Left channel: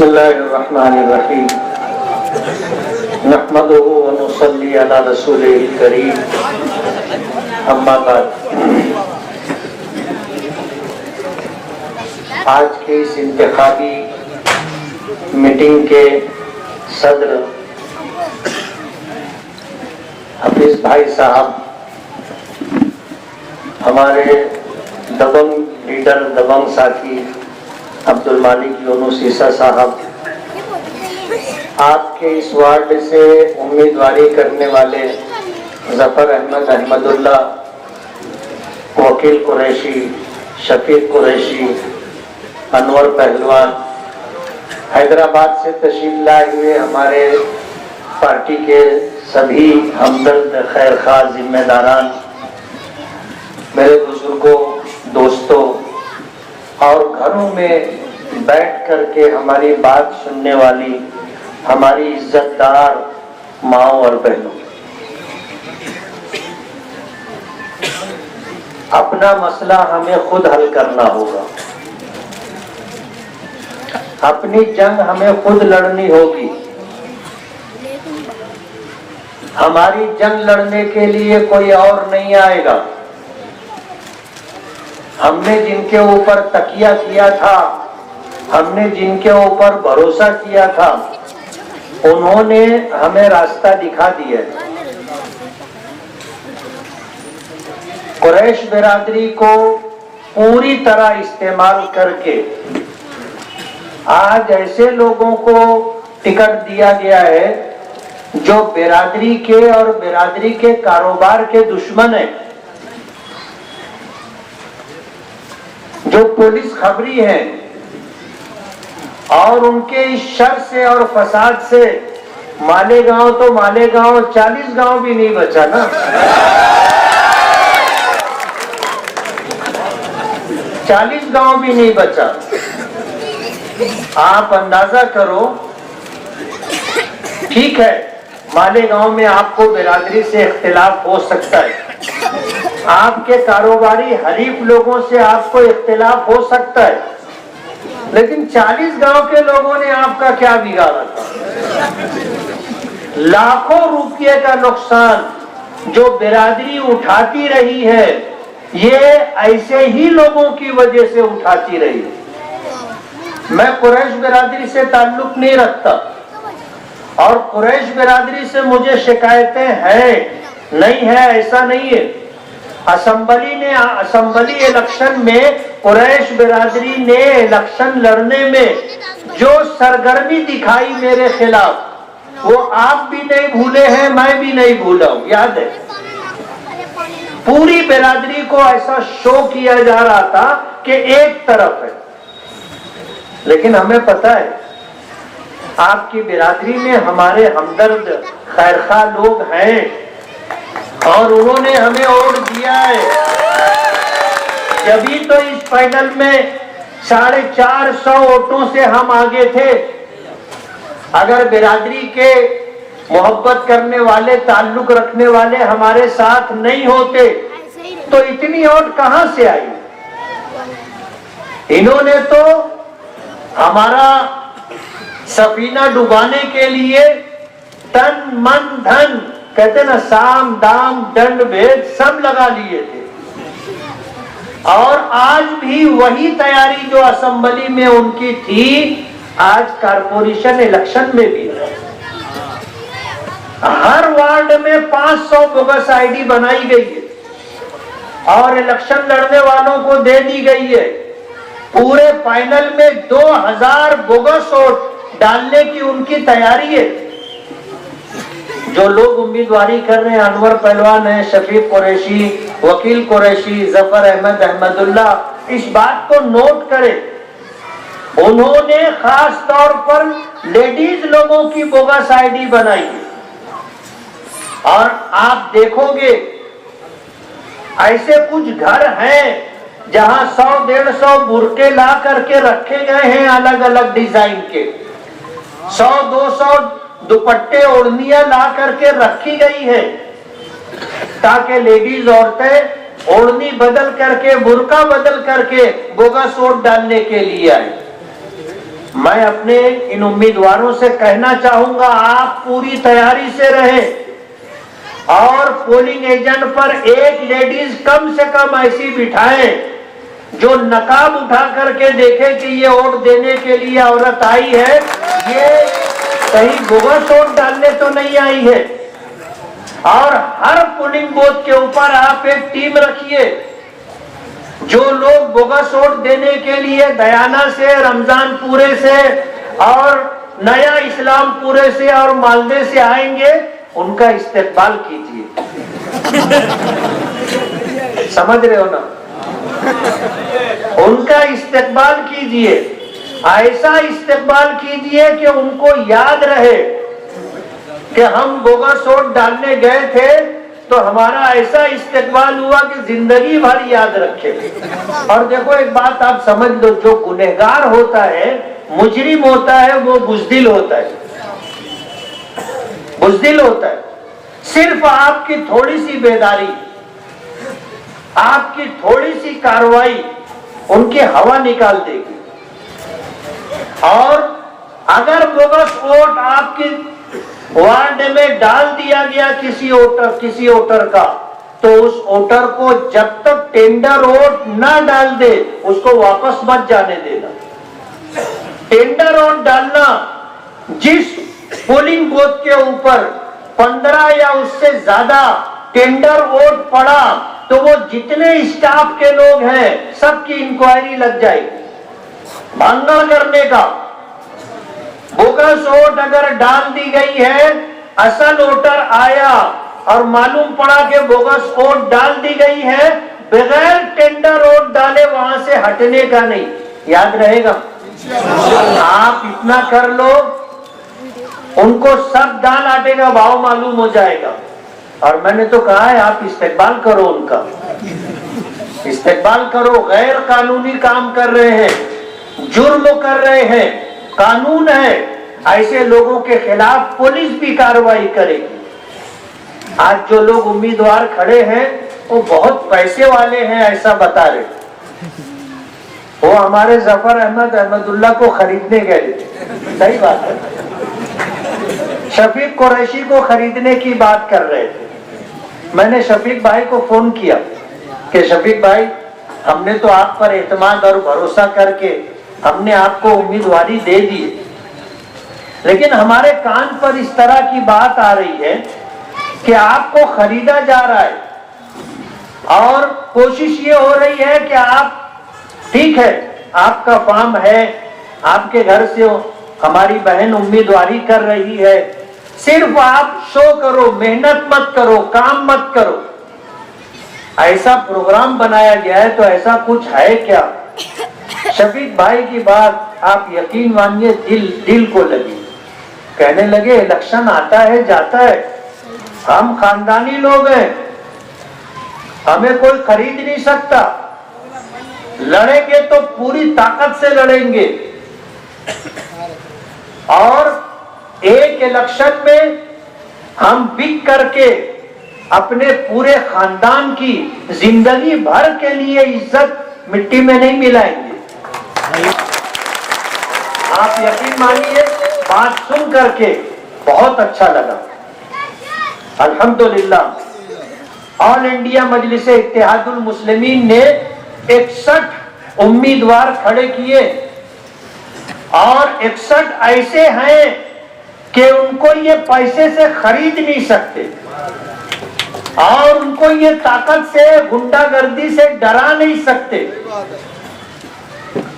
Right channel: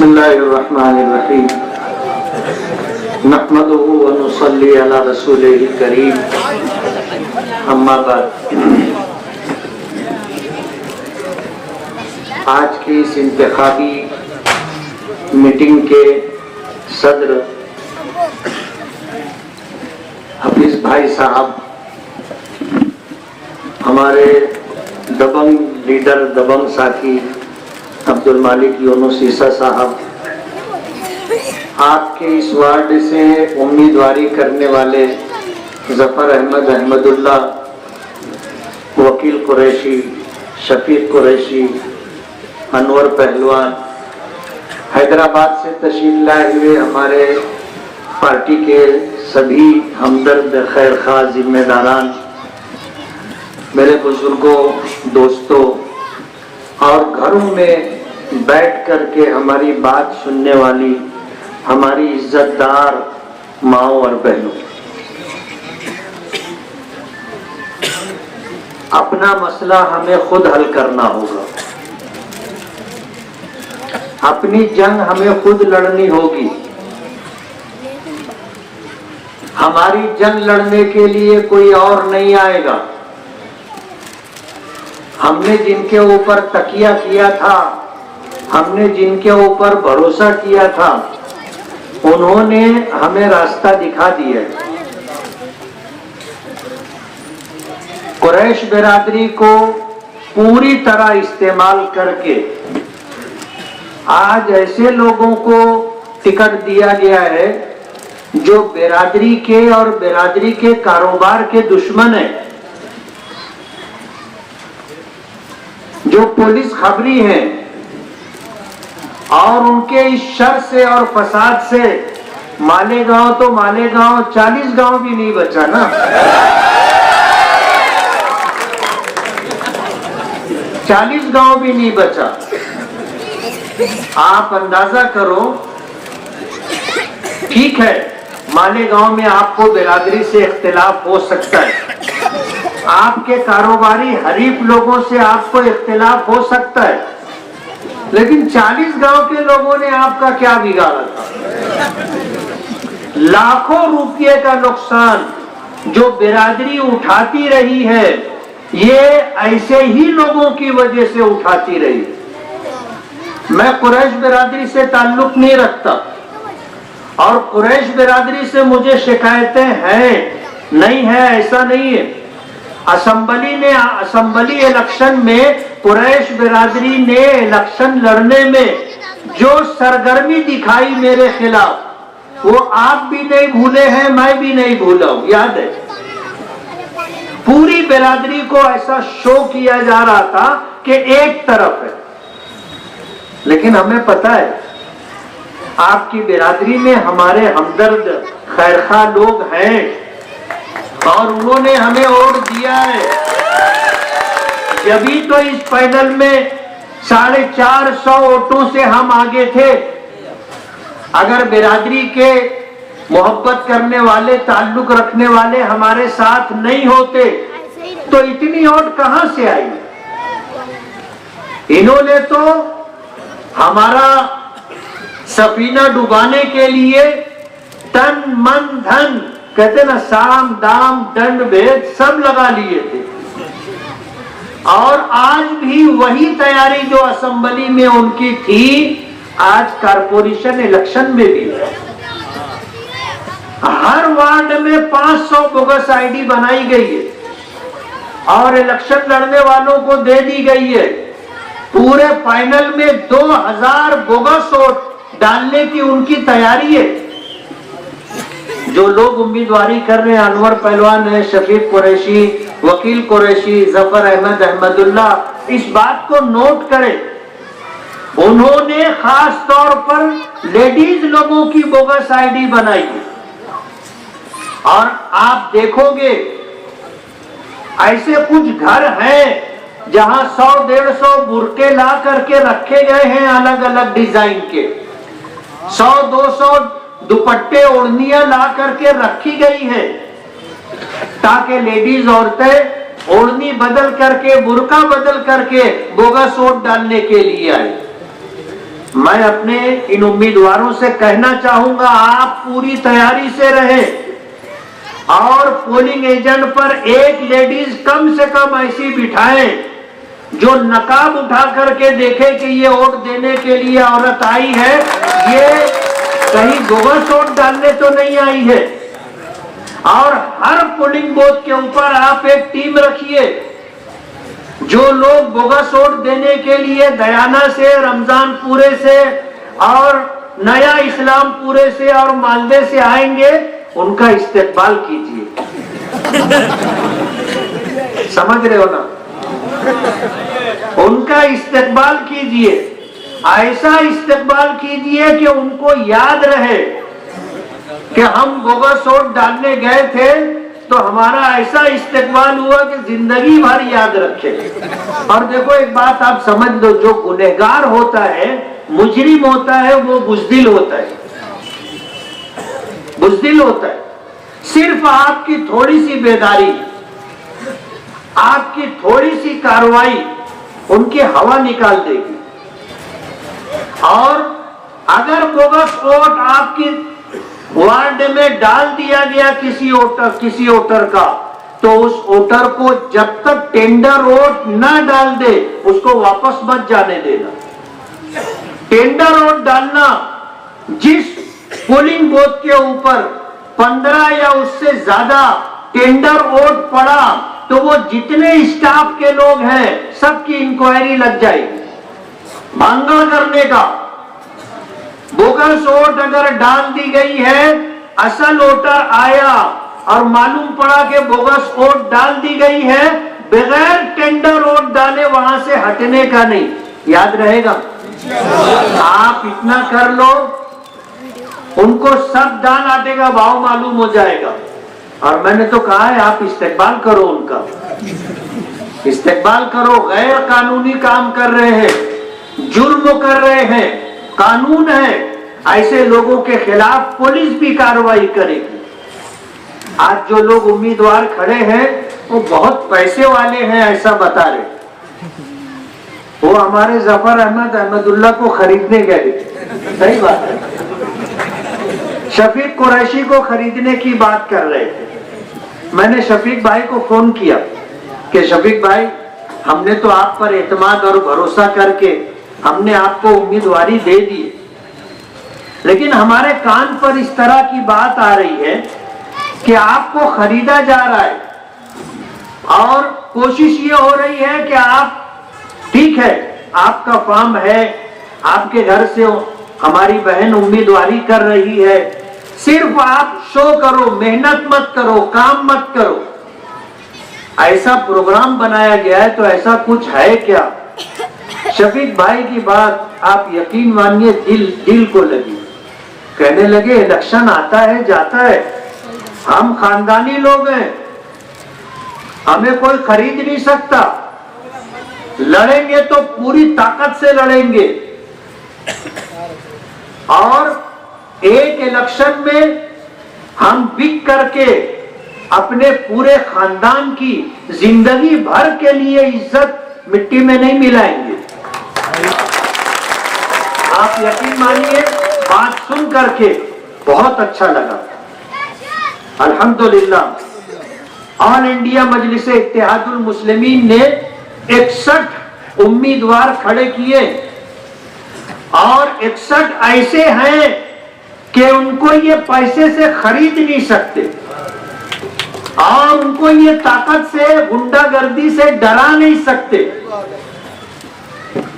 बिस्मिल्लाहिर्रहमानिर्रहीम नहमदुहु व नुसल्ली अला रसूलिल करीम अम्मा बाद। आज की इस इंतखाबी मीटिंग के सदर हफीज भाई साहब, हमारे दबंग लीडर दबंग साथी अब्दुल मालिक यूनुस ईसा साहब, आपके इस वार्ड से उम्मीदवारी करने वाले जफर अहमद अहमदुल्ला, वकील कुरैशी, शफीक कुरैशी, अनवर पहलवान, हैदराबाद से तशरीफ लाए हुए हमारे पार्टी के सभी हमदर्द खैरखा जिम्मेदारान, मेरे बुजुर्गों, दोस्तों और घरों में बैठ करके हमारी बात सुनने वाली हमारी इज्जतदार माओ और बहनों, अपना मसला हमें खुद हल करना होगा। अपनी जंग हमें खुद लड़नी होगी। हमारी जंग लड़ने के लिए कोई और नहीं आएगा। हमने जिनके ऊपर तकिया किया था, हमने जिनके ऊपर भरोसा किया था, उन्होंने हमें रास्ता दिखा दिया। कुरैश बिरादरी को पूरी तरह इस्तेमाल करके आज ऐसे लोगों को टिकट दिया गया है जो बिरादरी के और बिरादरी के कारोबार के दुश्मन है, जो पुलिस खबरी हैं, और उनके इस शर से और फसाद से मालेगांव तो मालेगांव 40 गांव भी नहीं बचा ना। 40 गांव भी नहीं बचा। आप अंदाजा करो। ठीक है, मालेगांव में आपको बिरादरी से इख्तिलाफ हो सकता है, आपके कारोबारी हरीफ लोगों से आपको इख्तिलाफ हो सकता है, लेकिन 40 गांव के लोगों ने आपका क्या बिगाड़ा था? लाखों रुपये का नुकसान जो बिरादरी उठाती रही है, ये ऐसे ही लोगों की वजह से उठाती रही। मैं कुरैश बिरादरी से ताल्लुक नहीं रखता और कुरैश बिरादरी से मुझे शिकायतें हैं, नहीं है ऐसा नहीं है। असेंबली इलेक्शन में कुरैश बिरादरी ने इलेक्शन लड़ने में जो सरगर्मी दिखाई मेरे खिलाफ, वो आप भी नहीं भूले हैं, मैं भी नहीं भूला हूं, याद है। पूरी बिरादरी को ऐसा शो किया जा रहा था कि एक तरफ है, लेकिन हमें पता है आपकी बिरादरी में हमारे हमदर्द खैरखा लोग हैं और उन्होंने हमें वोट दिया है। जभी तो इस पैनल में 450 वोटों से हम आगे थे। अगर बिरादरी के मोहब्बत करने वाले, ताल्लुक रखने वाले हमारे साथ नहीं होते तो इतनी वोट कहां से आई? इन्होंने तो हमारा सफीना डुबाने के लिए तन मन धन, कहते ना, साम दाम दंड भेद सब लगा लिए थे। और आज भी वही तैयारी जो असेंबली में उनकी थी, आज कारपोरेशन इलेक्शन में भी है। हर वार्ड में 500 बोगस आईडी बनाई गई है और इलेक्शन लड़ने वालों को दे दी गई है। पूरे फाइनल में 2000 बोगस वोट डालने की उनकी तैयारी है। जो लोग उम्मीदवारी कर रहे हैं, अनवर पहलवान है, शफीक कुरैशी, वकील कुरैशी, जफर अहमद अहमदुल्ला, इस बात को नोट करें। उन्होंने खास तौर पर लेडीज लोगों की बोगस आईडी बनाई और आप देखोगे ऐसे कुछ घर हैं जहां 100-150 बुरके ला करके रखे गए हैं अलग अलग डिजाइन के। 100-200 दुपट्टे ओढ़नियां ला करके रखी गई है ताकि लेडीज औरतें ओढ़नी बदल करके, बुरका बदल करके बोगस वोट डालने के लिए आए। मैं अपने इन उम्मीदवारों से कहना चाहूंगा, आप पूरी तैयारी से रहें और पोलिंग एजेंट पर एक लेडीज कम से कम ऐसी बिठाएं जो नकाब उठा करके देखे कि ये वोट देने के लिए औरत आई है, ये कहीं बोगस वोट डालने तो नहीं आई है। और हर पोलिंग बूथ के ऊपर आप एक टीम रखिए, जो लोग बोगस वोट देने के लिए दयाना से, रमजान पूरे से और नया इस्लाम पूरे से और मालदे से आएंगे, उनका इस्तेकबाल कीजिए। समझ रहे हो ना? उनका इस्तेकबाल कीजिए, ऐसा इस्तेकबाल कीजिए कि उनको याद रहे कि हम बोगस वोट डालने गए थे तो हमारा ऐसा इस्तेकबाल हुआ कि जिंदगी भर याद रखे। और देखो एक बात आप समझ लो, जो गुनहगार होता है, मुजरिम होता है, वो बुज़दिल होता है, बुज़दिल होता है। सिर्फ आपकी थोड़ी सी बेदारी, आपकी थोड़ी सी कार्रवाई उनकी हवा निकाल देगी। और अगर बोगस वोट आपकी वार्ड में डाल दिया गया किसी वोटर का, तो उस वोटर को जब तक टेंडर वोट न डाल दे उसको वापस मत जाने देना। टेंडर वोट डालना, जिस पोलिंग बूथ के ऊपर 15 या उससे ज्यादा टेंडर वोट पड़ा तो वो जितने स्टाफ के लोग हैं सबकी इंक्वायरी लग जाएगी। मांगल करने का, बोगस वोट अगर डाल दी गई है, असल वोटर आया और मालूम पड़ा कि बोगस वोट डाल दी गई है, बगैर टेंडर वोट डाले वहां से हटने का नहीं। याद रहेगा? आप इतना कर लो, उनको सब दाल आटे का भाव मालूम हो जाएगा। और मैंने तो कहा है, आप इस्तेकबाल करो, उनका इस्तेकबाल करो। गैर कानूनी काम कर रहे हैं, जुर्म कर रहे हैं, कानून है, ऐसे लोगों के खिलाफ पुलिस भी कार्रवाई करेगी। आज जो लोग उम्मीदवार खड़े हैं वो बहुत पैसे वाले हैं ऐसा बता रहे, वो हमारे जफर अहमदुल्ला को खरीदने गए, सही बात है, शफीक कुरैशी को खरीदने की बात कर रहे थे। मैंने शफीक भाई को फोन किया कि शफीक भाई, हमने तो आप पर एतमाद और भरोसा करके हमने आपको उम्मीदवारी दे दी, लेकिन हमारे कान पर इस तरह की बात आ रही है कि आपको खरीदा जा रहा है और कोशिश ये हो रही है कि आप, ठीक है आपका फार्म है, आपके घर से हमारी बहन उम्मीदवारी कर रही है, सिर्फ आप शो करो, मेहनत मत करो, काम मत करो। ऐसा प्रोग्राम बनाया गया है, तो ऐसा कुछ है क्या? शफीक भाई की बात आप यकीन मानिए दिल को लगी। कहने लगे, इलेक्शन आता है जाता है, हम खानदानी लोग हैं, हमें कोई खरीद नहीं सकता, लड़ेंगे तो पूरी ताकत से लड़ेंगे और एक इलेक्शन में हम बिक करके अपने पूरे खानदान की जिंदगी भर के लिए इज्जत मिट्टी में नहीं मिलाएंगे। आप यकीन मानिए, बात सुन करके बहुत अच्छा लगा। अल्हम्दुलिल्लाह ऑल इंडिया मजलिस इत्तेहादुल मुस्लिमीन ने 61 उम्मीदवार खड़े किए और 61 ऐसे हैं कि उनको ये पैसे से खरीद नहीं सकते और उनको ये ताकत से, गुंडागर्दी से डरा नहीं सकते।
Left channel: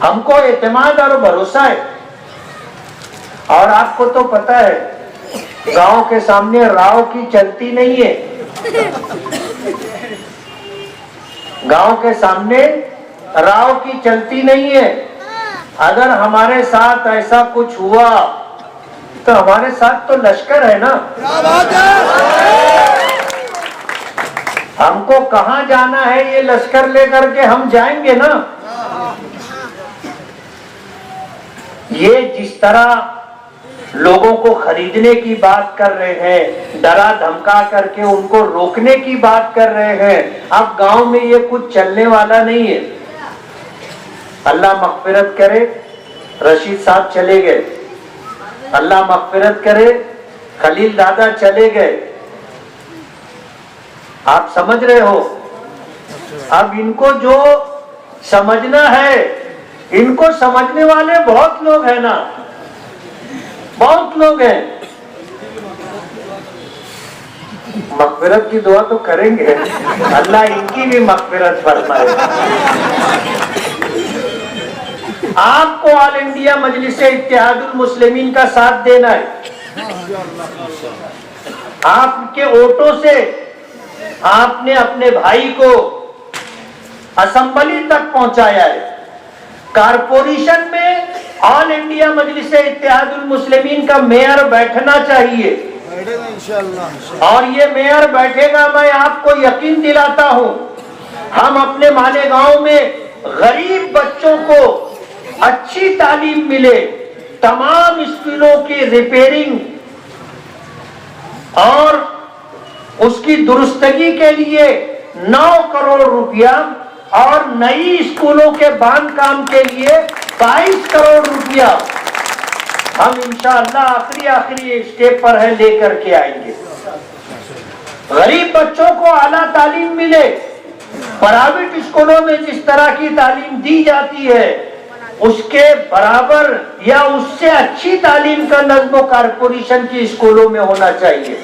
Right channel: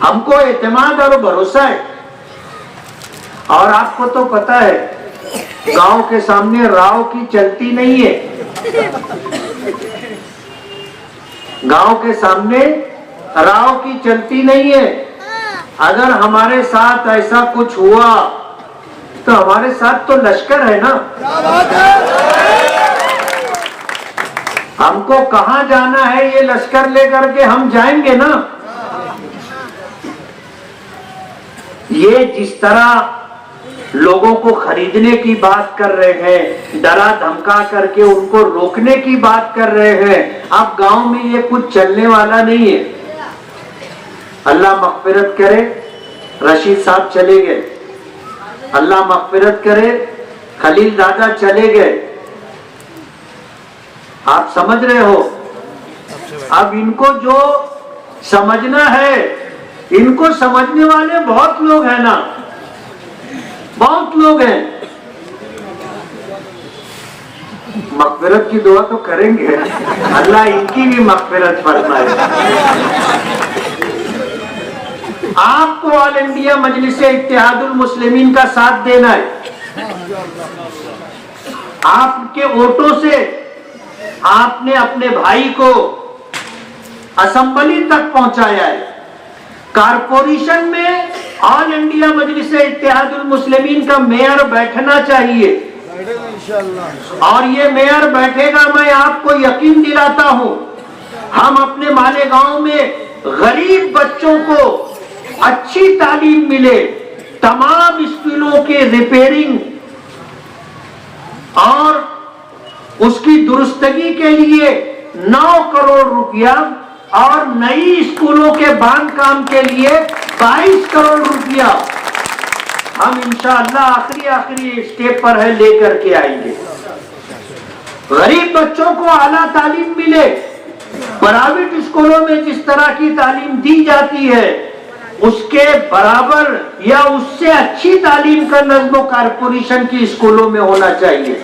हमको एतमाद और भरोसा है। और आपको तो पता है, गांव के सामने राव की चलती नहीं है, गांव के सामने राव की चलती नहीं है। अगर हमारे साथ ऐसा कुछ हुआ तो हमारे साथ तो लश्कर है ना, हमको कहां जाना है ये लश्कर लेकर के हम जाएंगे ना। ये जिस तरह लोगों को खरीदने की बात कर रहे हैं, डरा धमका करके उनको रोकने की बात कर रहे हैं, अब गांव में ये कुछ चलने वाला नहीं है। अल्लाह मग़फ़िरत करे, रशीद साहब चले गए, अल्लाह मग़फ़िरत करे, खलील दादा चले गए। आप समझ रहे हो? अब इनको जो समझना है, इनको समझने वाले बहुत लोग हैं ना, बहुत लोग हैं। मग़फ़िरत की दुआ तो करेंगे, अल्लाह इनकी भी मग़फ़िरत फरमाए। आपको ऑल इंडिया मजलिस इत्तेहादुल मुस्लिमीन का साथ देना है। आपके वोटों से आपने अपने भाई को असेंबली तक पहुंचाया है। कारपोरेशन में ऑल इंडिया मजलिस इत्तेहादुल मुस्लिमीन का मेयर बैठना चाहिए, और ये मेयर बैठेगा, मैं आपको यकीन दिलाता हूं, हम अपने मालेगांव में गरीब बच्चों को अच्छी तालीम मिले, तमाम स्कूलों की रिपेयरिंग और उसकी दुरुस्तगी के लिए 9 करोड़ रुपया और नई स्कूलों के बांधकाम के लिए 22 करोड़ रुपया हम इंशाअल्लाह आखिरी स्टेप पर है लेकर के आएंगे। गरीब बच्चों को आला तालीम मिले, प्राइवेट स्कूलों में जिस तरह की तालीम दी जाती है उसके बराबर या उससे अच्छी तालीम का नज़्म कारपोरेशन की स्कूलों में होना चाहिए।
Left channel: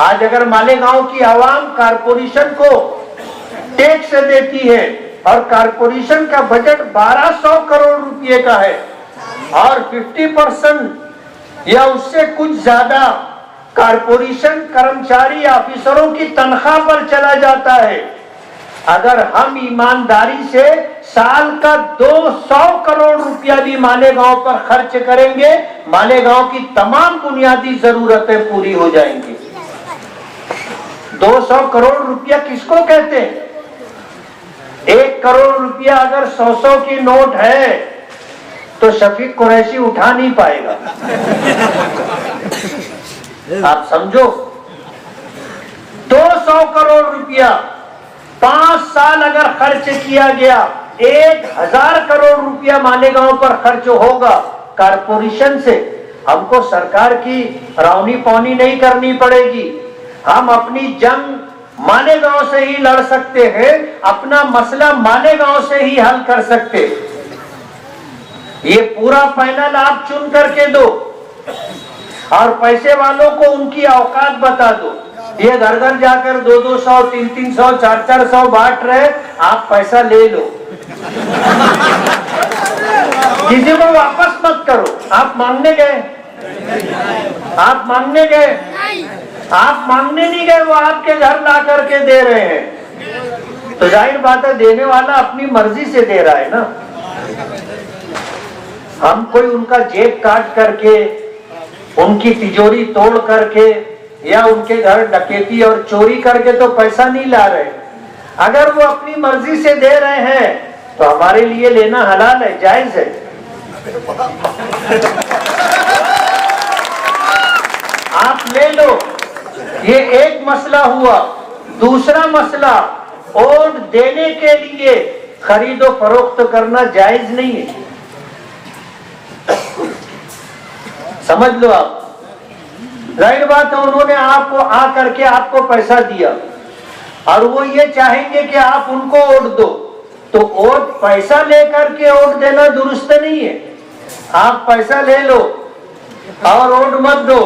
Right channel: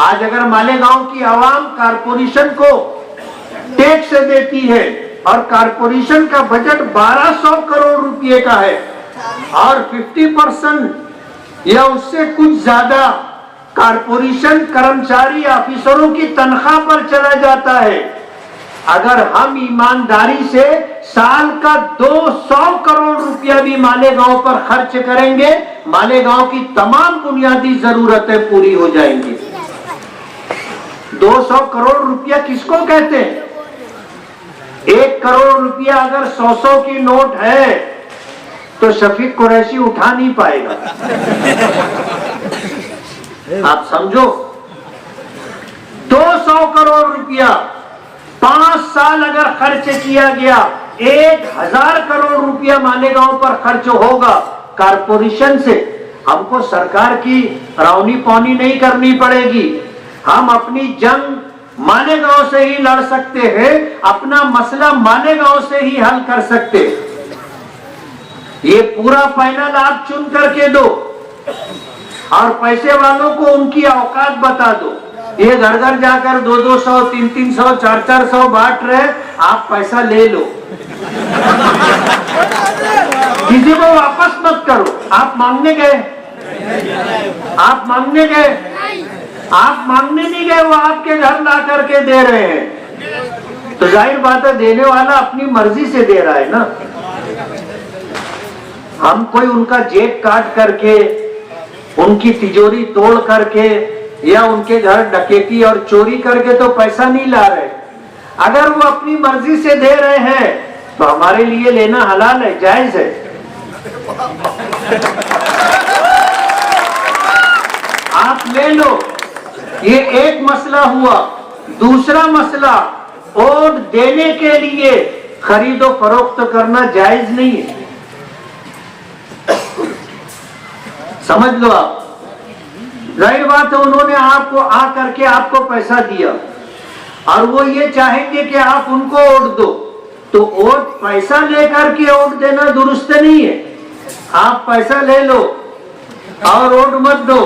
आज अगर मालेगांव की आवाम कारपोरेशन को टैक्स देती है और कारपोरेशन का बजट 1200 करोड़ रुपए का है और 50% या उससे कुछ ज्यादा कारपोरेशन कर्मचारी ऑफिसरों की तनख्वाह पर चला जाता है, अगर हम ईमानदारी से साल का 200 करोड़ रुपया भी मालेगांव पर खर्च करेंगे, मालेगांव की तमाम बुनियादी जरूरतें पूरी हो जाएंगी। 200 करोड़ रुपया किसको कहते हैं? 1 करोड़ रुपया अगर 100 की नोट है तो शफीक कुरैशी उठा नहीं पाएगा। आप समझो, 200 करोड़ रुपया 5 साल अगर खर्च किया गया, 1000 करोड़ रुपया मालेगांव पर खर्च होगा कारपोरेशन से। हमको सरकार की रौनी पौनी नहीं करनी पड़ेगी, हम अपनी जंग मालेगांव से ही लड़ सकते हैं, अपना मसला मालेगांव से ही हल कर सकते। ये पूरा पैनल आप चुन करके दो और पैसे वालों को उनकी औकात बता दो। ये घर घर जाकर 200-200, 300-300, 400-400 बांट रहे, आप पैसा ले लो, किसी को वापस मत करो। आप मांगने गए, आप मांगने गए, आप मांगने नहीं गए, वो आपके घर ला करके दे रहे हैं, तो जाहिर बात है देने वाला अपनी मर्जी से दे रहा है ना। हम कोई उनका जेब काट करके, उनकी तिजोरी तोड़ करके या उनके घर डकैती और चोरी करके तो पैसा नहीं ला रहे। अगर वो अपनी मर्जी से दे रहे हैं तो हमारे लिए लेना हलाल है, जायज है। आप ले लो, ये एक मसला हुआ। दूसरा मसला, वोट देने के लिए खरीदो फरोख्त करना जायज नहीं है, समझ लो आप। जाहिर बात है उन्होंने आपको आ करके आपको पैसा दिया और वो ये चाहेंगे कि आप उनको वोट दो, तो वोट पैसा लेकर के वोट देना दुरुस्त नहीं है। आप पैसा ले लो और वोट मत दो,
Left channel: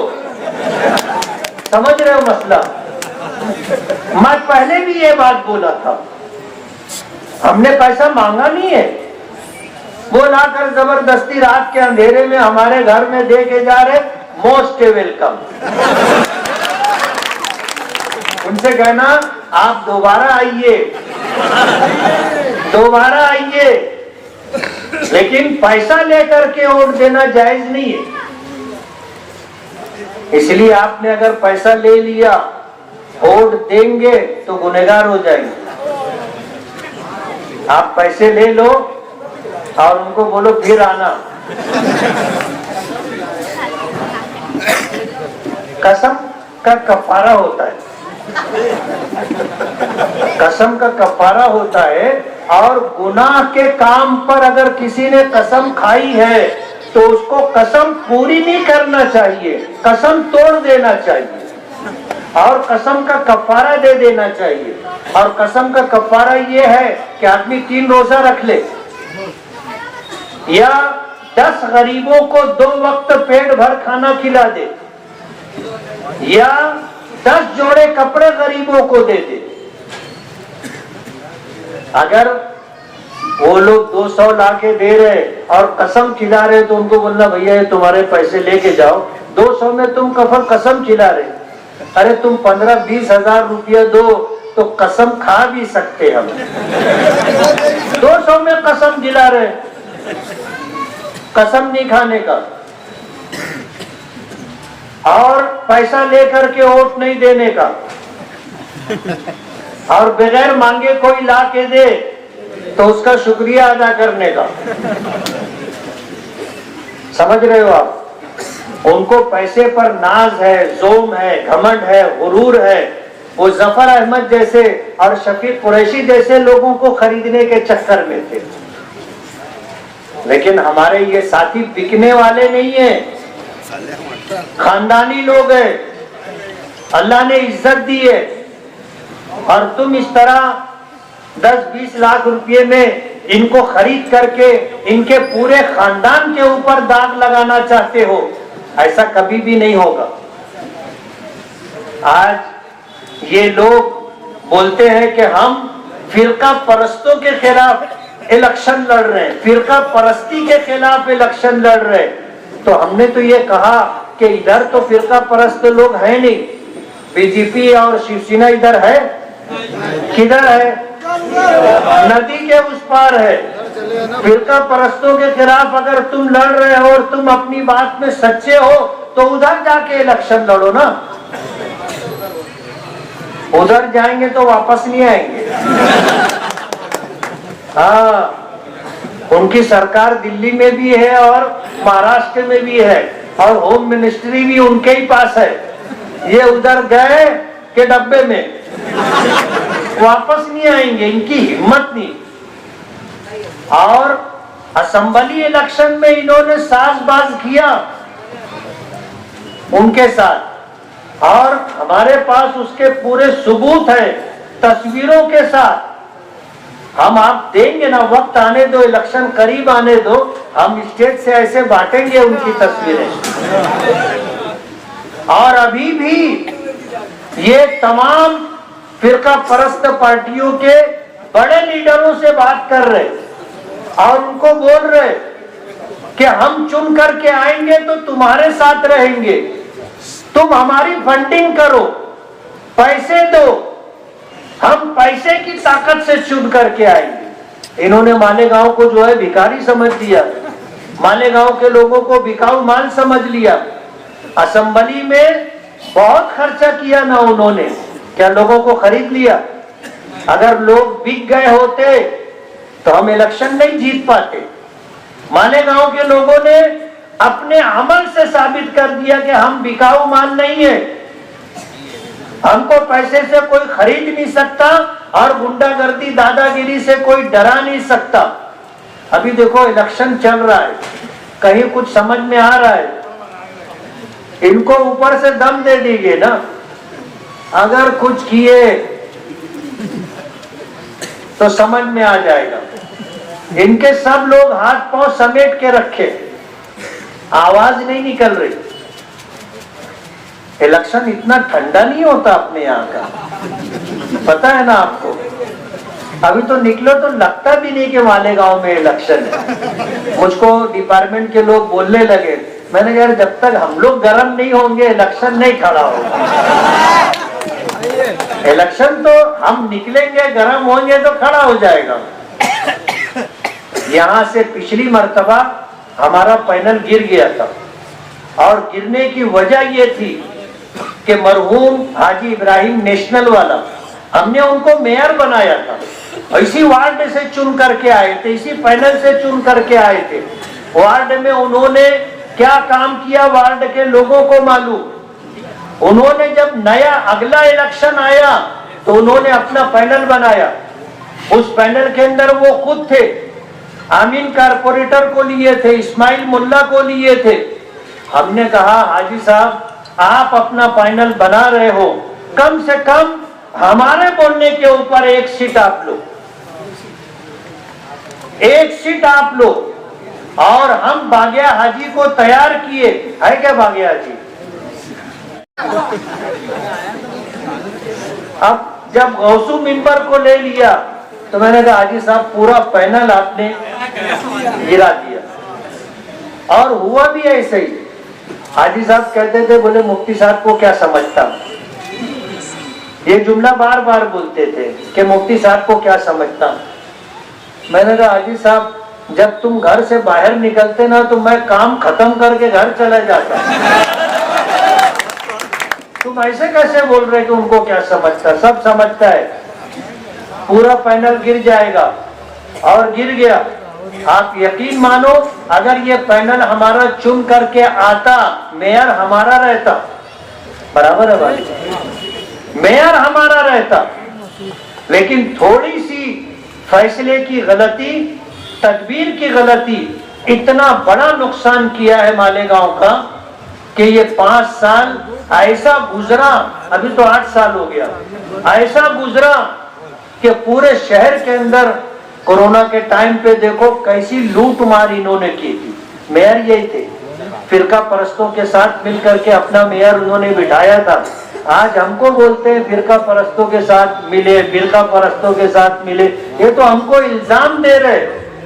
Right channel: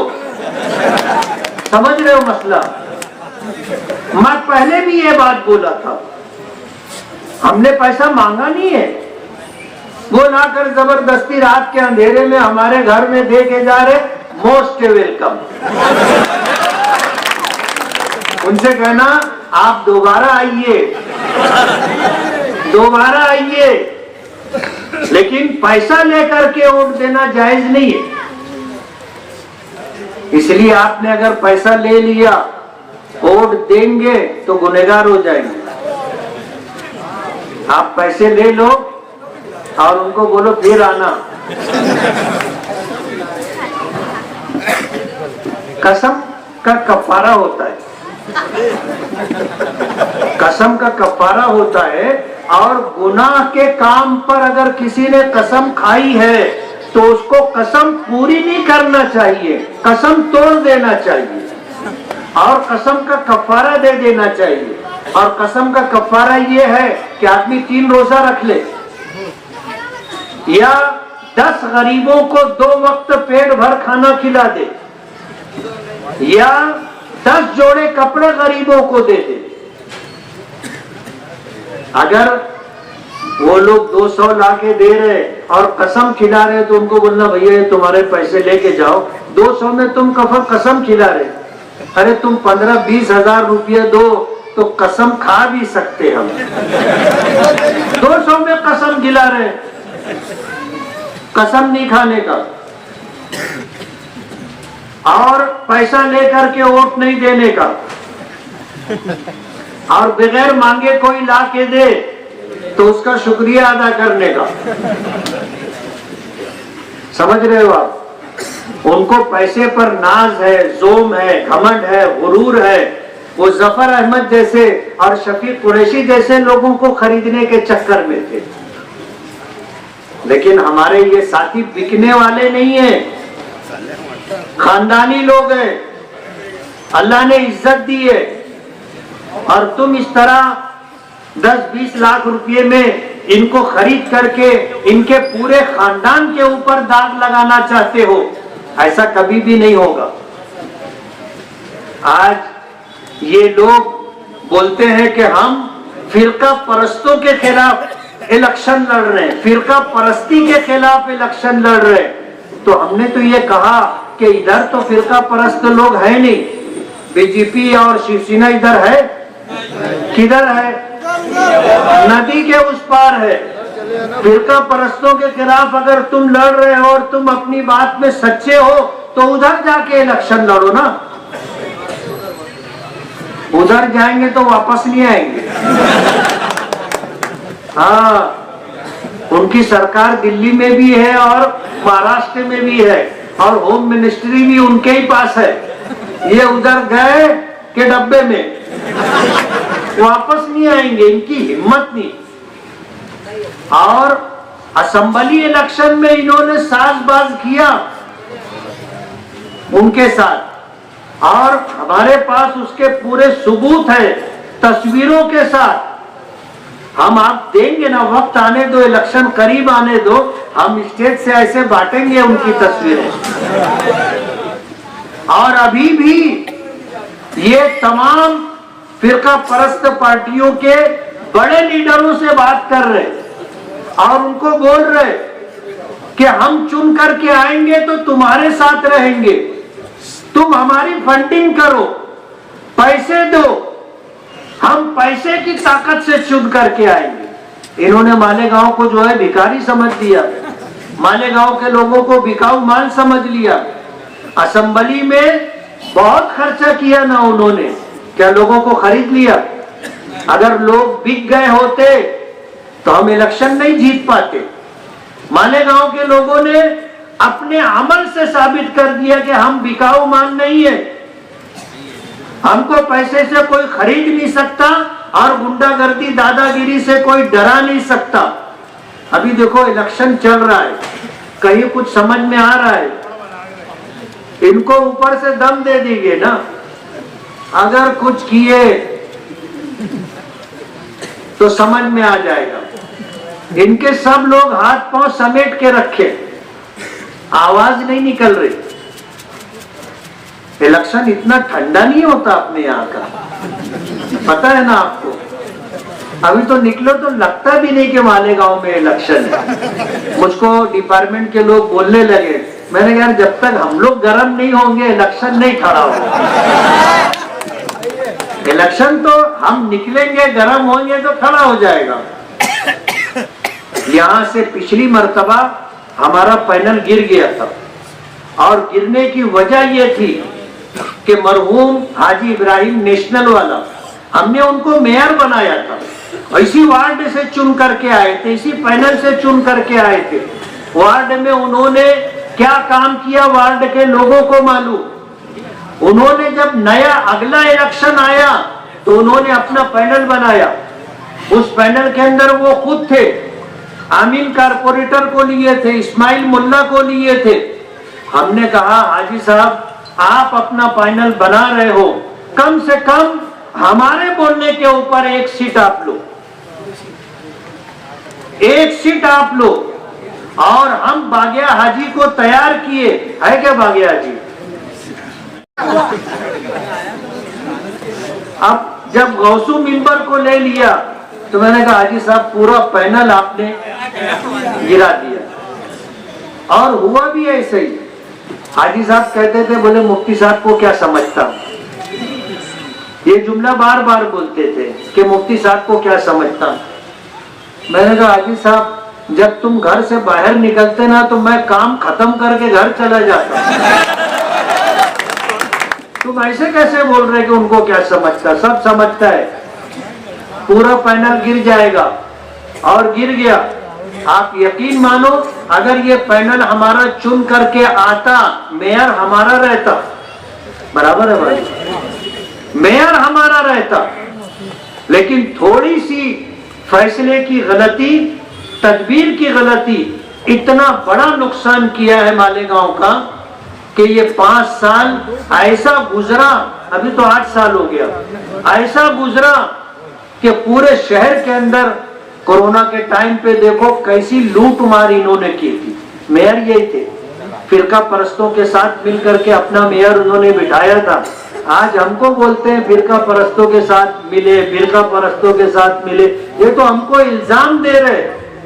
समझ रहे हो मसला। मैं पहले भी ये बात बोला था, हमने पैसा मांगा नहीं है, वो लाकर जबरदस्ती रात के अंधेरे में हमारे घर में दे के जा रहे, मोस्ट वेलकम। उनसे कहना आप दोबारा आइए, दोबारा आइए, लेकिन पैसा लेकर के वोट देना जायज नहीं है। इसलिए आपने अगर पैसा ले लिया, वोट देंगे तो गुनहगार हो जाएंगे। आप पैसे ले लो और उनको बोलो फिर आना। कसम का कफारा होता है, कसम का कफारा होता है। और गुनाह के काम पर अगर किसी ने कसम खाई है तो उसको कसम पूरी नहीं करना चाहिए, कसम तोड़ देना चाहिए और कसम का कफारा दे देना चाहिए। और कसम का कफारा ये है कि आदमी 3 रोजा रख ले या 10 गरीबों को 2 वक्त पेट भर खाना खिला दे या 10 जोड़े कपड़े गरीबों को दे दे। अगर वो लोग 200 लाके दे रहे और कसम खिला रहे तो उनको बोलना भैया ये तुम्हारे पैसे लेके जाओ, 200 में तुम कसम खिला रहे, अरे तुम 15-20 हजार रुपये दो तो कसम खा भी सकते हम। 200 में कसम खिला रहे, कसम नहीं खाने का और पैसा लेकर के वोट नहीं देने का और बगैर मांगे कोई ला के दे तो उसका शुक्रिया अदा करने का। समझ रहे हो आप? उनको पैसे पर नाज है, जोम है, घमंड है, गुरूर है। वो जफर अहमद जैसे और शफीक कुरैशी जैसे लोगों को खरीदने के चक्कर में थे। लेकिन हमारे ये साथी बिकने वाले नहीं है, खानदानी लोग हैं, अल्लाह ने इज्जत दी है। और तुम इस तरह 10-20 लाख रुपए में इनको खरीद करके इनके पूरे खानदान के ऊपर दाग लगाना चाहते हो, ऐसा कभी भी नहीं होगा। आज ये लोग बोलते हैं कि हम फिरका परस्तों के खिलाफ इलेक्शन लड़ रहे हैं, फिरका परस्ती के खिलाफ इलेक्शन लड़ रहे हैं। तो हमने तो ये कहा कि इधर तो फिरका परस्त लोग है नहीं, बीजेपी और शिवसेना इधर है, किधर है? नदी के उस पार है। फिरका परस्तों के खिलाफ अगर तुम लड़ रहे हो और तुम अपनी बात में सच्चे हो तो उधर जाके इलेक्शन लड़ो ना। उधर जाएंगे तो वापस नहीं आएंगे। हाँ, उनकी सरकार दिल्ली में भी है और महाराष्ट्र में भी है और होम मिनिस्ट्री भी उनके ही पास है। ये उधर गए के डब्बे में वापस नहीं आएंगे, इनकी हिम्मत नहीं। और असेंबली इलेक्शन में इन्होंने साजबाज किया उनके साथ और हमारे पास उसके पूरे सबूत है तस्वीरों के साथ। हम आप देंगे ना, वक्त आने दो, इलेक्शन करीब आने दो, हम स्टेज से ऐसे बांटेंगे उनकी तस्वीरें। और अभी भी ये तमाम फिरका परस्त पार्टियों के बड़े लीडरों से बात कर रहे और उनको बोल रहे कि हम चुन करके आएंगे तो तुम्हारे साथ रहेंगे, तुम हमारी फंडिंग करो, पैसे दो, हम पैसे की ताकत से चुन करके आएंगे। इन्होंने मालेगांव को जो है भिखारी समझ दिया, मालेगांव के लोगों को बिकाऊ माल समझ लिया। असेंबली में बहुत खर्चा किया ना उन्होंने, क्या लोगों को खरीद लिया? अगर लोग बिक गए होते तो हम इलेक्शन नहीं जीत पाते। मालेगांव के लोगों ने अपने अमल से साबित कर दिया कि हम बिकाऊ माल नहीं है, हमको पैसे से कोई खरीद नहीं सकता और गुंडागर्दी दादागिरी से कोई डरा नहीं सकता। अभी देखो इलेक्शन चल रहा है, कहीं कुछ समझ में आ रहा है, इनको ऊपर से दम दे देंगे ना, अगर कुछ किए तो समझ में आ जाएगा। इनके सब लोग हाथ पांव समेट के रखे, आवाज नहीं निकल रही। इलेक्शन इतना ठंडा नहीं होता अपने यहाँ का, पता है ना आपको। अभी तो निकलो तो लगता भी नहीं कि मालेगांव में इलेक्शन है। मुझको डिपार्टमेंट के लोग बोलने लगे, मैंने कहा जब तक हम लोग गर्म नहीं होंगे इलेक्शन नहीं खड़ा होगा। इलेक्शन तो हम निकलेंगे, गर्म होंगे तो खड़ा हो जाएगा। यहाँ से पिछली मर्तबा हमारा पैनल गिर गया था और गिरने की वजह ये थी कि मरहूम हाजी इब्राहिम नेशनल वाला, हमने उनको मेयर बनाया था। इसी वार्ड से चुन करके आए थे, इसी पैनल से चुन करके आए थे। वार्ड में उन्होंने क्या काम किया वार्ड के लोगों को मालूम। उन्होंने जब नया अगला इलेक्शन आया तो उन्होंने अपना पैनल बनाया, उस पैनल के अंदर वो खुद थे आमीन कारपोरेटर को लिए थे, इस्माइल मुल्ला को लिए थे। हमने कहा हाजी साहब आप अपना पैनल बना रहे हो, कम से कम हमारे बोलने के ऊपर एक सीट आप लो, एक सीट आप लो। और हम बागिया हाजी को तैयार किए, है क्या बागिया हाजी? अब जब गौसू मिंबर को ले लिया तो मैंने कहा हाजी साहब पूरा पैनल आपने गिरा दिया। और हुआ भी ऐसे ही। हाजी साहब कहते थे, बोले मुफ्ती साहब को क्या समझता, ये जुमला बार बार बोलते थे कि मुफ्ती साहब को क्या समझता। मैंने कहा हाजी साहब जब तुम घर से बाहर निकलते ना तो मैं काम खत्म करके घर चला जाता। तुम ऐसे कैसे बोल रहे कि उनको क्या समझता? सब समझता है। पूरा पैनल गिर जाएगा और गिर गया। आप यकीन मानो अगर ये पैनल हमारा चुन करके आता, मेयर हमारा रहता, बराबर है भाई, मेयर हमारा रहता, लेकिन थोड़ी सी फैसले की गलती, तदबीर की गलती इतना बड़ा नुकसान किया है मालेगांव का कि ये 5 साल ऐसा गुजरा, अभी तो 8 साल हो गया, ऐसा गुजरा कि पूरे शहर के अंदर कोरोना के टाइम पे देखो कैसी लूट मार इन्होंने की थी। मेयर यही थे, फिरका परस्तों के साथ मिलकर के अपना मेयर उन्होंने बिठाया था। आज हमको बोलते हैं फिरका परस्तों के साथ मिले, फिरका परस्तों के साथ मिले, ये तो हमको इल्जाम दे रहे।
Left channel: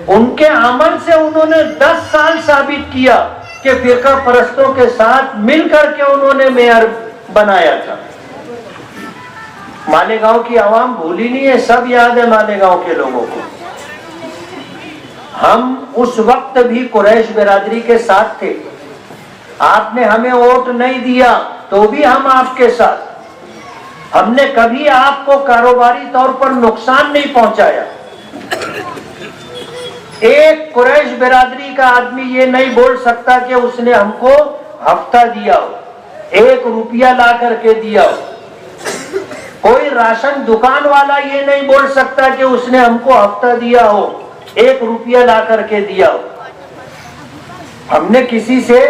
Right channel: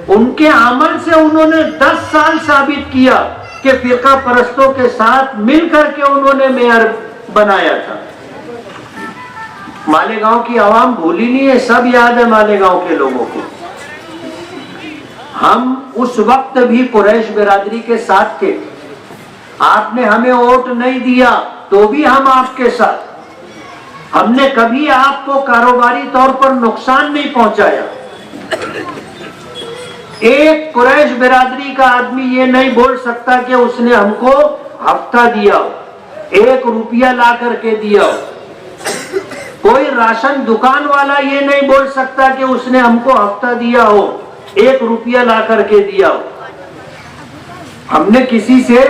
उनके अमल से उन्होंने 10 साल साबित किया कि फिरका परस्तों के साथ मिलकर के उन्होंने मेयर बनाया था। मालेगांव की आवाम भूली नहीं है, सब याद है मालेगांव के लोगों को। हम उस वक्त भी कुरैश बिरादरी के साथ थे। आपने हमें वोट नहीं दिया तो भी हम आपके साथ। हमने कभी आपको कारोबारी तौर पर नुकसान नहीं पहुंचाया। एक कुरैश बिरादरी का आदमी ये नहीं बोल सकता कि उसने हमको हफ्ता दिया हो, 1 रुपया ला करके दिया हो। कोई राशन दुकान वाला ये नहीं बोल सकता कि उसने हमको हफ्ता दिया हो, 1 रुपया ला करके दिया हो। हमने किसी से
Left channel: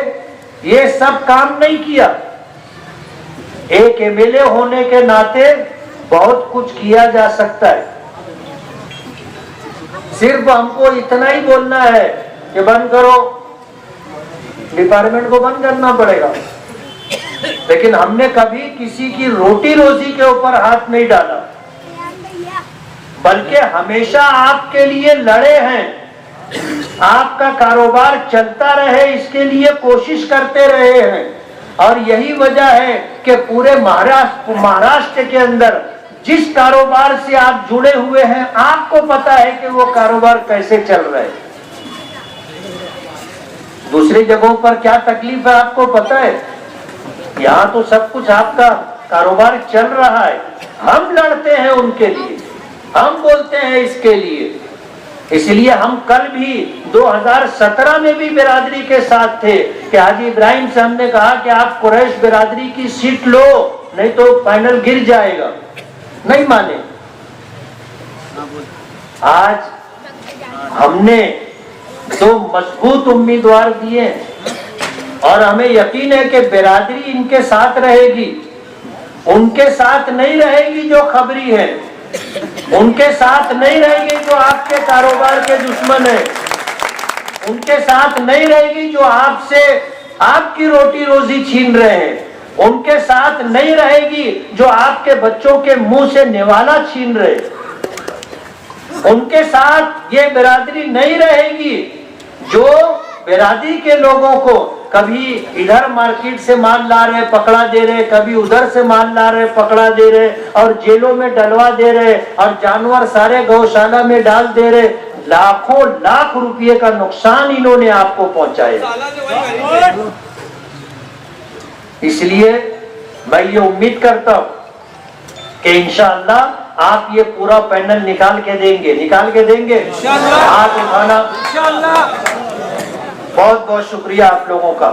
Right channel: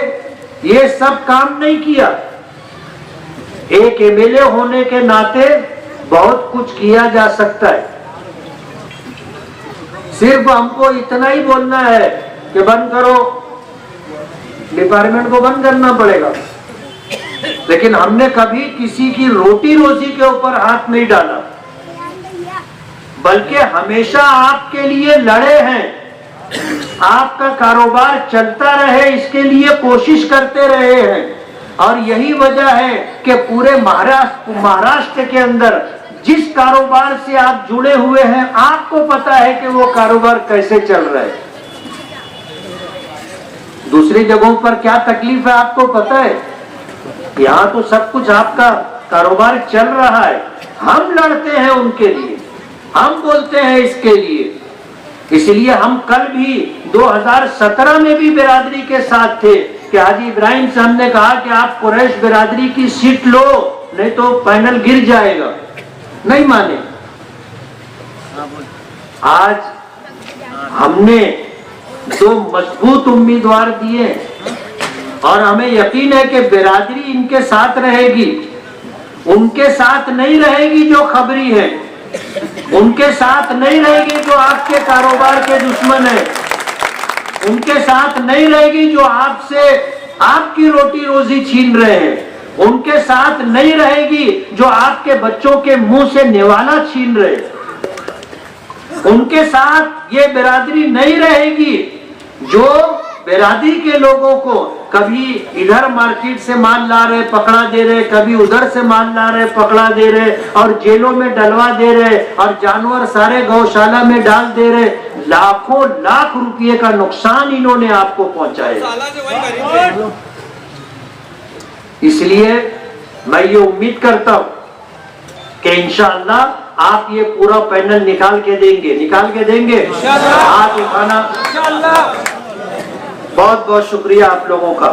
ये सब काम नहीं किया। एक एमएलए होने के नाते बहुत कुछ किया जा सकता है। सिर्फ हमको इतना ही बोलना है कि बंद करो, डिपार्टमेंट को बंद करना पड़ेगा, लेकिन हमने कभी किसी की रोटी रोजी के ऊपर हाथ नहीं डाला, बल्कि हमेशा आपके लिए लड़े हैं। आपका कारोबार चलता रहे इसके लिए कोशिश करते रहे हैं। और यही वजह है कि पूरे महाराष्ट्र के अंदर जिस कारोबार से आप जुड़े हुए हैं, आपको पता है कि वो कारोबार कैसे चल रहे हैं। दूसरी जगहों पर क्या तकलीफ है आपको पता है। यहाँ तो सब कुछ आपका कारोबार चल रहा है। हम लड़ते हैं उनके लिए, हम बोलते हैं इसके लिए। इसलिए हम कल भी 2017 में भी बिरादरी के साथ थे कि हाजी इब्राहिम से हमने कहा कि आप कुरैश बिरादरी की सीट लो, नहीं तो पैनल गिर जाएगा। नहीं माने। आज हमने 2 मजबूत उम्मीदवार दिए और हमें यकीन है कि बिरादरी इनके साथ रहेगी। उनके साथ नहीं रहेगी जो खबरी है, उनके साथ नहीं रहेगी जो आपके कारोबार के दुश्मन है, उनके साथ नहीं रहेगी जो आपसे आपकी रोटी रोजी छीन रहे हैं, उनके साथ नहीं रहेगी जो आपके बच्चों के मुंह से निवाला छीन रहे, उनके साथ ये बिरादरी नहीं रहेगी जो बिरादरी के लोगों को कभी इधर मार्केट से माल ला रहे पकड़ा दे रहे, कभी उधर से माल ला रहे पकड़ा दे रहे और जेलों में डलवा दे रहे और जानवर सारे गौशाला में डाल दे रहे। लाखों लाख रुपये का नुकसान इन्होंने आपको पहुंचाया। इसलिए मैं ये उम्मीद करता हूं कि इंशाअल्लाह आप ये पूरा पैनल निकाल के देंगे हाथ उठाना। बहुत बहुत शुक्रिया आप लोगों का।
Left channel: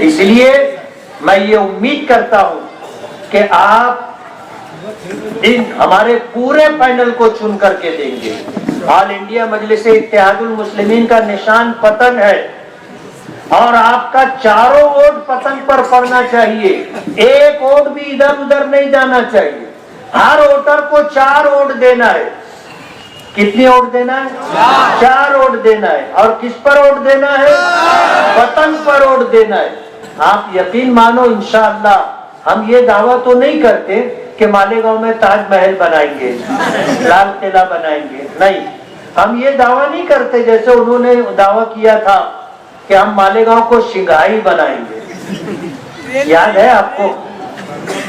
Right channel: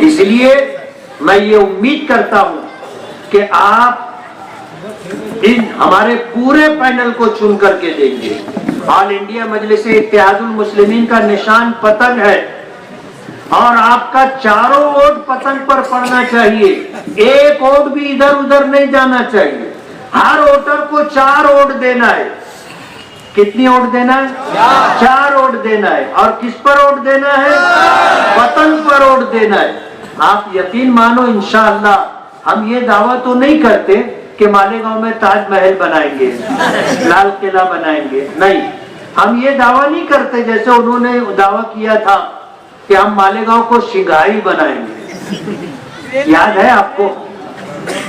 इसलिए मैं ये उम्मीद करता हूं कि आप इन हमारे पूरे पैनल को चुन करके देंगे। ऑल इंडिया मजलिस इत्तेहादुल मुस्लिमीन का निशान पतन है और आपका चारों वोट पतन पर पड़ना चाहिए। एक वोट भी इधर उधर नहीं जाना चाहिए। हर वोटर को 4 वोट देना है। कितनी वोट देना है? 4 वोट देना है। और किस पर वोट देना है? वतन पर वोट देना है। आप यकीन मानो इंशाअल्लाह हम ये दावा तो नहीं करते कि मालेगांव में ताजमहल बनाएंगे, लाल किला बनाएंगे, नहीं, हम ये दावा नहीं करते जैसे उन्होंने दावा किया था कि हम मालेगांव को सिंघाई बनाएंगे। याद है आपको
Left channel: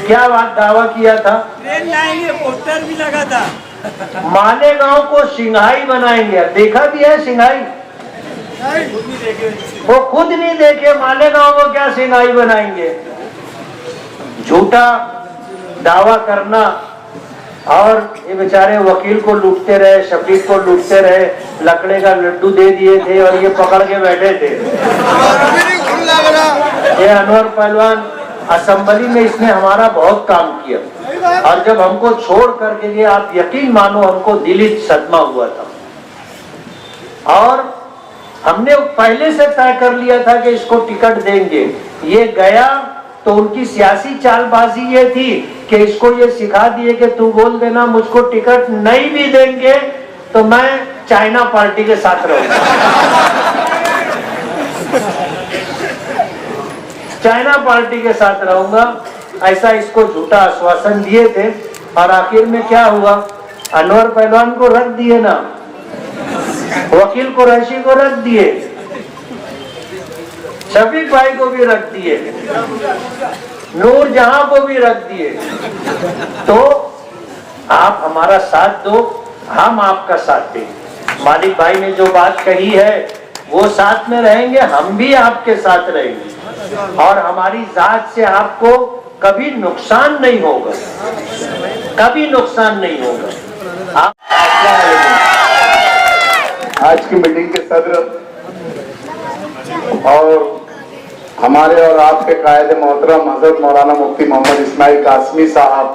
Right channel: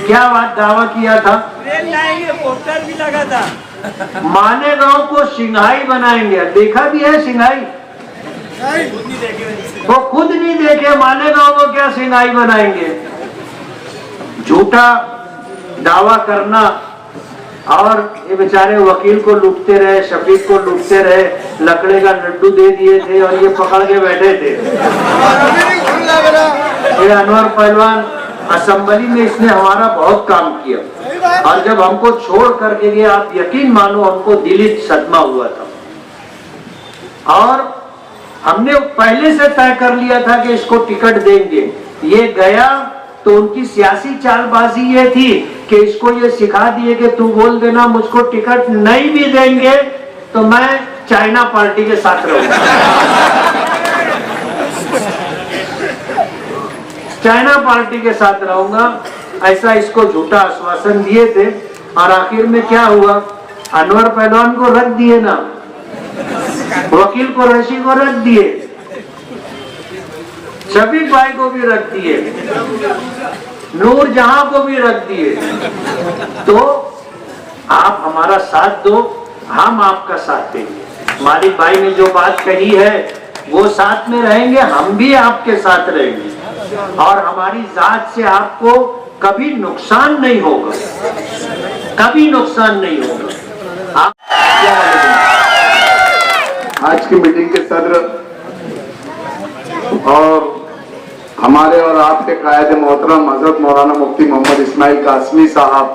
क्या बात दावा किया था? पोस्टर भी लगा था, मालेगांव को सिंघाई बनाएंगे। देखा भी है सिंघाई? वो खुद नहीं देखे मालेगांव को क्या सिंघाई बनाएंगे। झूठा दावा करना और ये बेचारे वकील को लूटते रहे, शफीक को लूटते रहे, लकड़े का लड्डू दे दिए थे और ये पकड़ के बैठे थे। ये अनवर पहलवान असेंबली में इसने हमारा बहुत काम किया और जब हमको छोड़ करके गया आप यकीन मानो हमको दिली सदमा हुआ था और हमने पहले से तय कर लिया था कि इसको टिकट देंगे। ये गया तो उनकी सियासी चालबाजी ये थी कि इसको ये सिखा दिए कि तू बोल देना मुझको टिकट नहीं भी देंगे तो मैं चाइना पार्टी के साथ रहूंगा। चाइना पार्टी के साथ रहूंगा, ऐसा इसको झूठा आश्वासन दिए थे और आखिर में क्या हुआ? अनवर पहलवान को रख दिए ना, वकील कुरैशी को रख दिए, शफीक भाई को भी रख दिए, नूरजहां को भी रख दिए। तो आप हमारा साथ दो, हम आपका साथ देंगे। मालिक भाई ने जो बात कही है वो साथ में रहेंगे, हम भी आपके साथ रहेंगे और हमारी जात से आपको कभी नुकसान नहीं होगा, कभी नुकसान नहीं होगा। आप क्या आज की मीटिंग के सदर और हमारे और आपके कायदे मोहतरम हजरत मौलाना मुफ्ती मोहम्मद इस्माइल कासमी साहब,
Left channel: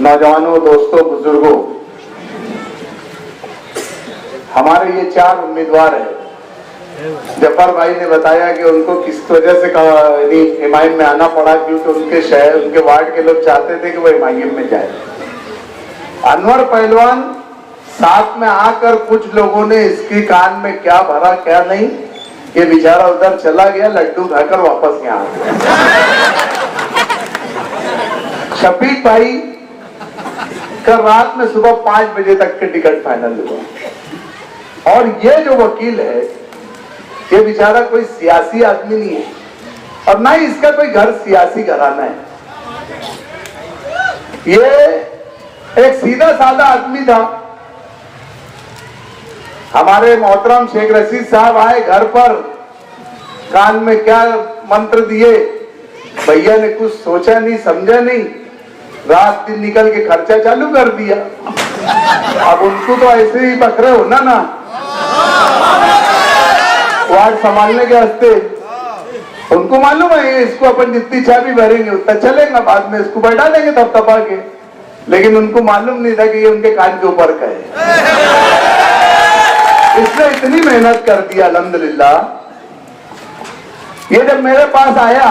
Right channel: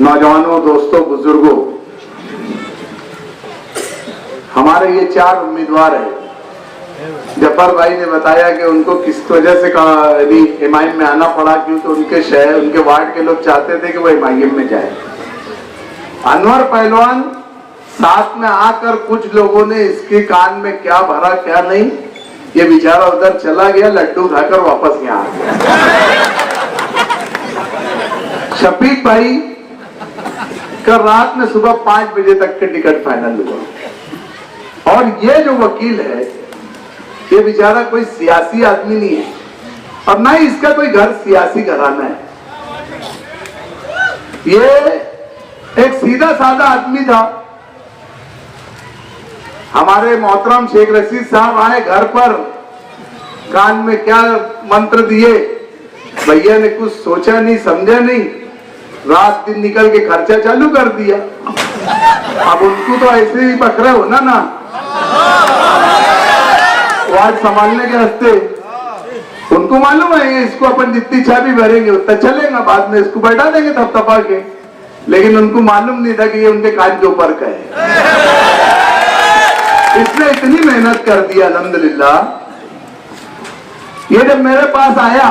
नौजवानों, दोस्तों, बुजुर्गों, हमारे ये 4 उम्मीदवार हैं। जफर भाई ने बताया कि उनको किस वजह से हिमायत में आना पड़ा, क्योंकि उनके शहर, उनके वार्ड के लोग चाहते थे कि वो हिमायत में जाए। अनवर पहलवान साथ में आकर कुछ लोगों ने इसके कान में क्या भरा क्या नहीं, ये बेचारा उधर चला गया, लड्डू खाकर वापस यहाँ आ गया। शफीक भाई कल रात में सुबह 5 बजे तक के टिकट फाइनल हुआ और ये जो वकील है ये बेचारा कोई सियासी आदमी नहीं है और ना ही इसका कोई घर सियासी घराना है। ये एक सीधा साधा आदमी था। हमारे मोहतरम शेख रशीद साहब आए घर पर, कान में क्या मंत्र दिए, भैया ने कुछ सोचा नहीं समझा नहीं, रात दिन निकल के खर्चा चालू कर दिया। अब उनको तो ऐसे ही पकड़े हो ना वार्ड संभालने के हस्ते, उनको मालूम है इसको अपन जितनी चाबी भरेंगे उतना चलेगा, बाद में इसको बैठा देंगे थपथपा के, लेकिन उनको मालूम नहीं था कि ये उनके कान के ऊपर का है। इसने इतनी मेहनत कर दिया अल्हम्दुलिल्लाह। ये जब मेरे पास आया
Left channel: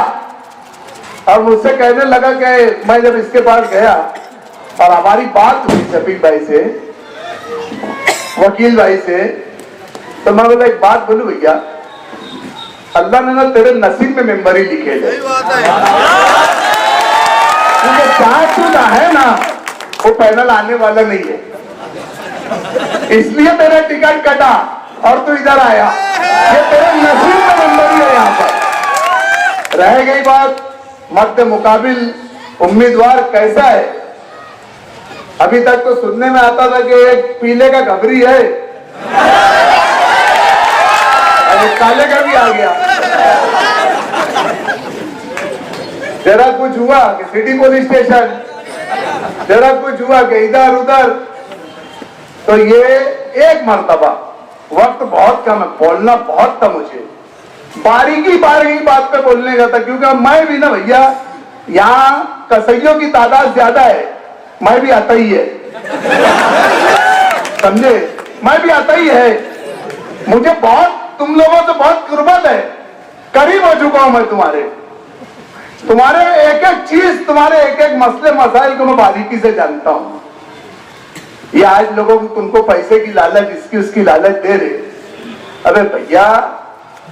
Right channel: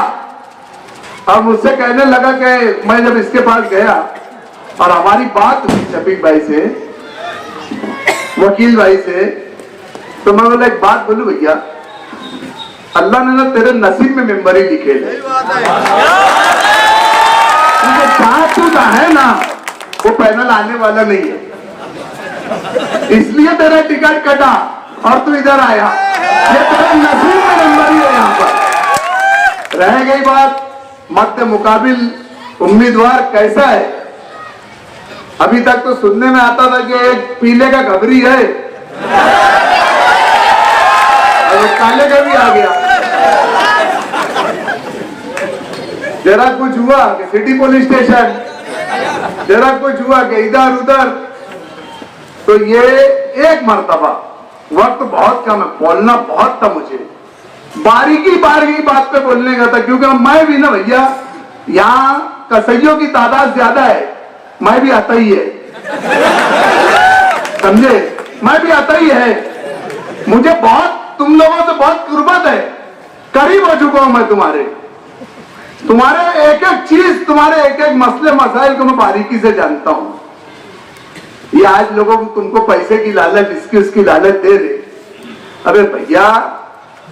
और मुझसे कहने लगा कि मैं जब इसके पास गया और हमारी बात हुई शफीक भाई से, वकील भाई से, तो मैं बोला एक बात बोलूं भैया, अल्लाह ने ना तेरे नसीब में मेंबर ही लिखे थे, साथ तू है ना वो पैनल आने वाला नहीं है, इसलिए तेरा टिकट कटा और तू इधर आया, ये तेरे नसीब में मेंबर ही है। यहाँ पर रह गई बात मर्द मुकाबिल उम्मीदवार कैसा है, अभी तक तो सुनने में आता था कि एक पीले का घबरी है, एक काले का भी आ गया। जरा कुछ हुआ कि सिटी पुलिस स्टेशन, जरा कुछ हुआ कि इधर उधर, तो ये एक मर्तबा, वक्त बहुत कम है, बोलना बहुत था मुझे, बारीकी बारीकी बात पे बोलने का था, क्योंकि मैं भी ना भैया यहाँ कसइयों की तादाद ज्यादा है, मैं भी आता ही है, समझे, मैं भी आता ही है। मुझे बहुत तुम लोगों से बहुत कुर्बत है, करीब हो चुका हूं मैं तुम्हारे एक एक चीज, तुम्हारे एक एक मसले मसाइल को मैं बारीकी से जानता हूं। ये आज लोगों को तुमको पैसे की लालच, इसकी उसकी लालच दे रहे। अबे भैया,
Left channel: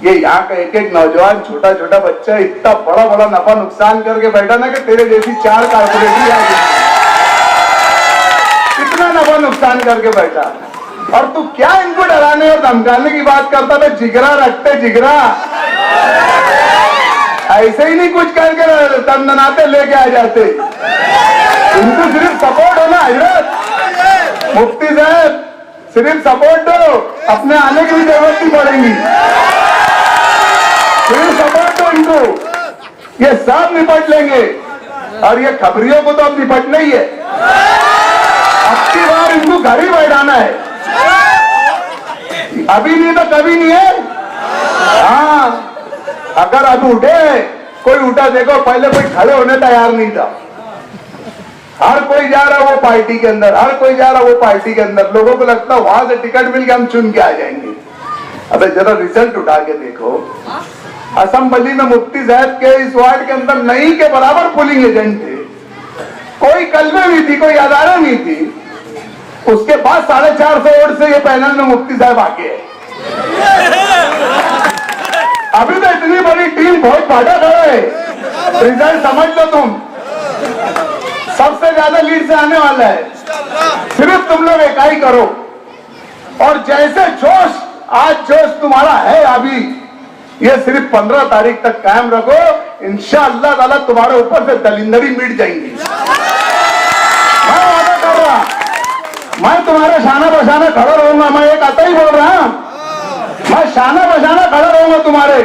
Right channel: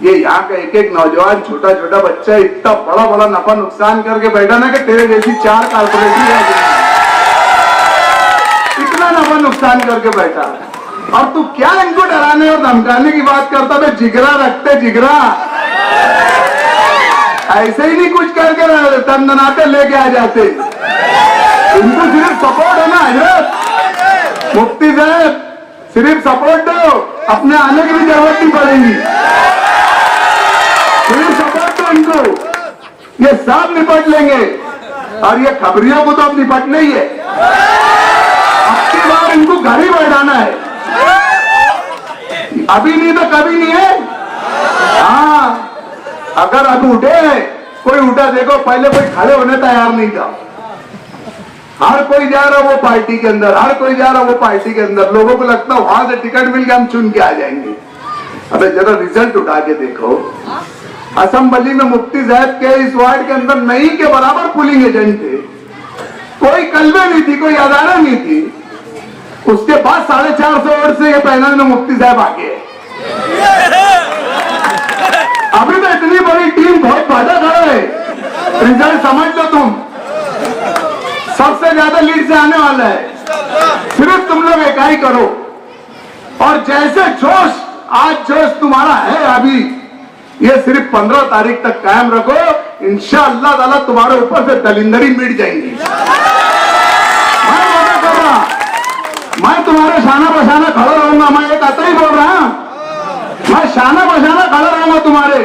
ये यहाँ का एक एक नौजवान छोटा छोटा बच्चा इतना बड़ा बड़ा नफा नुकसान करके बैठा ना कि तेरे जैसी 4 कारपोरेशन आ गई, इतना नफा नुकसान करके बैठा, और तू क्या इनको डराने और धमकाने की बात करता है? जिगरा रखते, जिगरा ऐसे ही नहीं कुछ करके तंदनाते लेके आ जाते। इनको सिर्फ सपोर्ट है ना हजरत मुफ्ती साहब, सिर्फ सपोर्ट दो, अपने आने की भी जरूरत नहीं पड़ेगी, सिर्फ सपोर्ट दो इनको, ये सब निपट लेंगे। और ये खबरियों को तो अब निपटना ही है, अब की बार इनको घर ही बैठाना है, अभी नहीं तो कभी नहीं है। हाँ, अगर अब उठे, कोई उठा देखो, पहले कोई खड़े होने तैयार नहीं था, हर कोई जा रहा वो पार्टी के अंदर, हर कोई जा रहा वो पार्टी के अंदर, लोगों को लगता वहां से टिकट मिल के हम चुन के आ जाएंगे। अबे जरा रिजल्ट उठा के देखो, असेंबली में मुफ्ती साहब के इस वार्ड के अंदर नहीं के बराबर पोलिंग एजेंट थे, कोई कलमे नहीं थी, कोई अदारा नहीं थी, उसके बाद 450 वोट से ये पैनल में मुफ्ती साहब आगे। अभी तो इतनी बड़ी टीम बहुत फायदा कर रहे है, रिजल्ट समझ लो तुम, सबसे ज्यादा लीड से आने वाला है, सिर्फ तुम लोग इकाई करो, और जैसे जोश आज जोश तुम्हारा है अभी, ये सिर्फ 15 तारीख तक कायम रखो, इंशाअल्लाह ताला तुम्हारे ऊपर से दलिंदरी मिट जाएंगी। मैं वादा कर रहा, मैं तुम्हारे शाना बशाना खड़ा रहूंगा, मैं एक आता ही बोल रहा हूं, मैं शाना बशाना खड़ा रहूंगा तुम्हारे,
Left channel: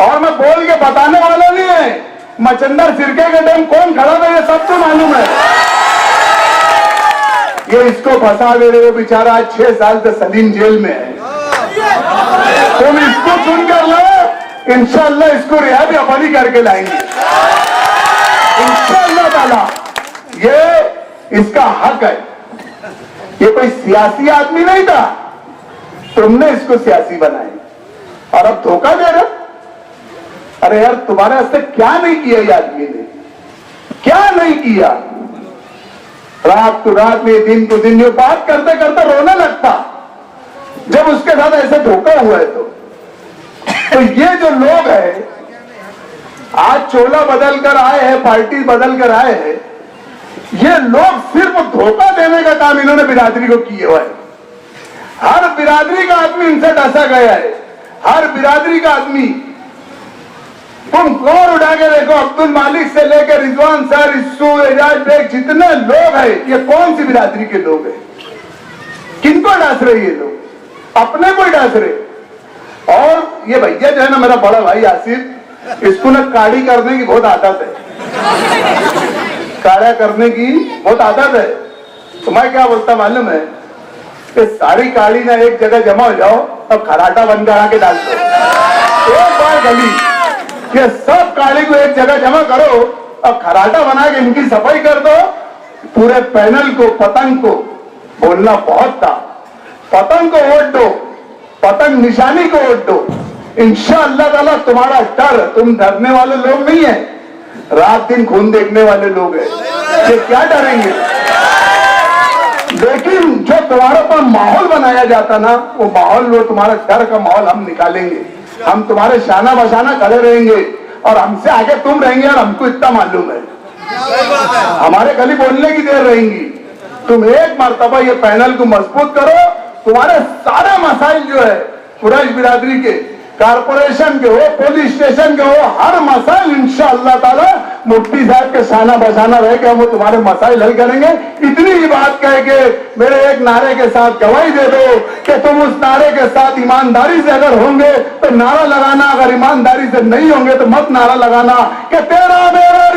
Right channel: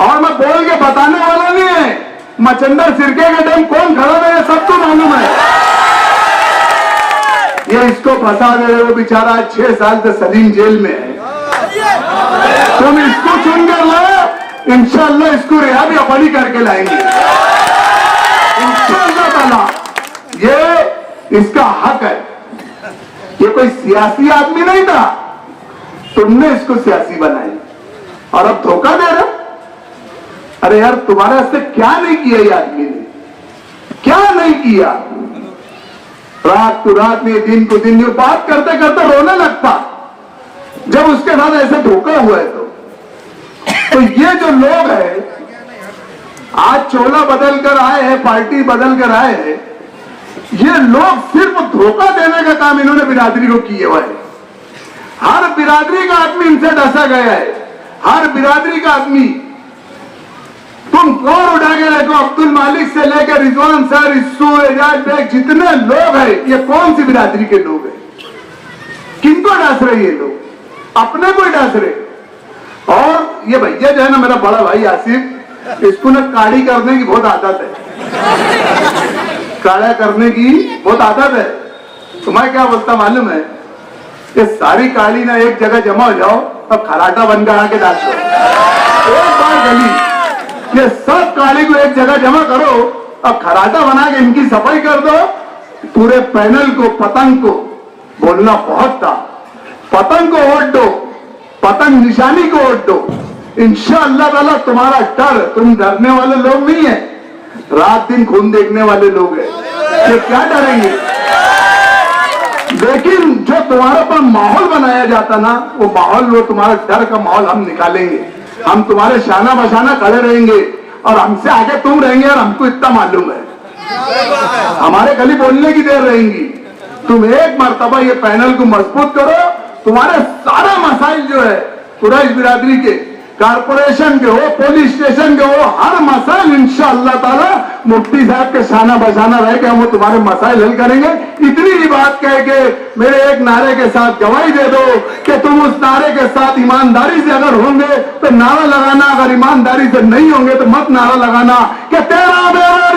और मैं बोल के बताने वाला नहीं है। मचिंदर सिरके के टाइम कौन खड़ा था ये सबको मालूम है। ये इसको फंसा दे रहे हो, बेचारा 6 साल से सलीम जेल में है, तुम इसको चुन कर लो, इंशाअल्लाह इसको रिहा भी अपन ही करके लाएंगे इंशाअल्लाह ताला। ये इसका हक है, ये कोई सियासी आदमी नहीं था, तुमने इसको सियासी बनाया और अब धोखा दे रहे। अरे यार, तुम्हारे वास्ते क्या नहीं किया ये आदमी ने, क्या नहीं किया? रात को रात में, दिन को दिन, ये बात करते करते रोने लगता जब उसके बाद ऐसे धोखा हुआ है। तो ये जो लोग हैं, आज चोला बदल कर आए हैं, पार्टी बदल कर आए हैं, ये लोग सिर्फ धोखा देने का काम इन्होंने बिरादरी को किए हुआ है। हर बिरादरी का आदमी इनसे डसा गया है, हर बिरादरी का आदमी। तुम कौन उठा के देखो, अब्दुल मालिक से लेकर रिजवान सर, इस्सू, एजाज बेग, जितने लोग हैं, ये कौन सी बिरादरी के लोग हैं? किनको डांस रहे ये लोग? अपने को डांस रहे। और ये भैया जो है ना, मेरा बड़ा भाई आसिफ, इसको ना काड़ी करने की बहुत आदत है, काड़ा करने की बहुत आदत है। तो मैं क्या बोलता मालूम है, कि सारी काड़ी ना एक जगह जमा हो जाओ और खराटा बनकर आके डाल दो, एक बार गली, ये सब काड़ी को एक जगह जमा करो और खराटा बना के इनकी सफाई कर दो। पूरे पैनल को, पतंग को बोलना बहुत था, पतंग को वोट दो, पतंग निशानी को वोट दो, इंशाअल्लाह ताला तुम्हारा डर, तुम डरने वाले लोग नहीं है, रात दिन खून देखने वाले लोग हैं, ये क्या डरेंगे? लेकिन जो तुम्हारे पर माहौल बनाया जाता ना, वो माहौल, वो तुम्हारा डर का माहौल हम निकालेंगे, हम तुम्हारे शाना बशाना खड़े रहेंगे, और हमसे आगे तुम रहेंगे। और हमको इतना मालूम है, हमारे खाली बोलने की देर रहेंगी। तुम एक मर्तबा ये पैनल को मजबूत करो, तुम्हारे सारे मसाइल जो है कुरैश बिरादरी के, कारपोरेशन के हो, पुलिस स्टेशन के हो, हर मसाइल इंशाअल्लाह ताला मुफ्ती साहब के शाना बशाना रह के वो तुम्हारे मसाइल हल करेंगे। इतनी ही बात कह के मेरे एक नारे के साथ गवाही दे दो कि तुम उस नारे के साथ ईमानदारी से अगर होंगे तो नारा लगाना, अगर ईमानदारी से नहीं होंगे तो मत नारा लगाना कि तेरा मेरा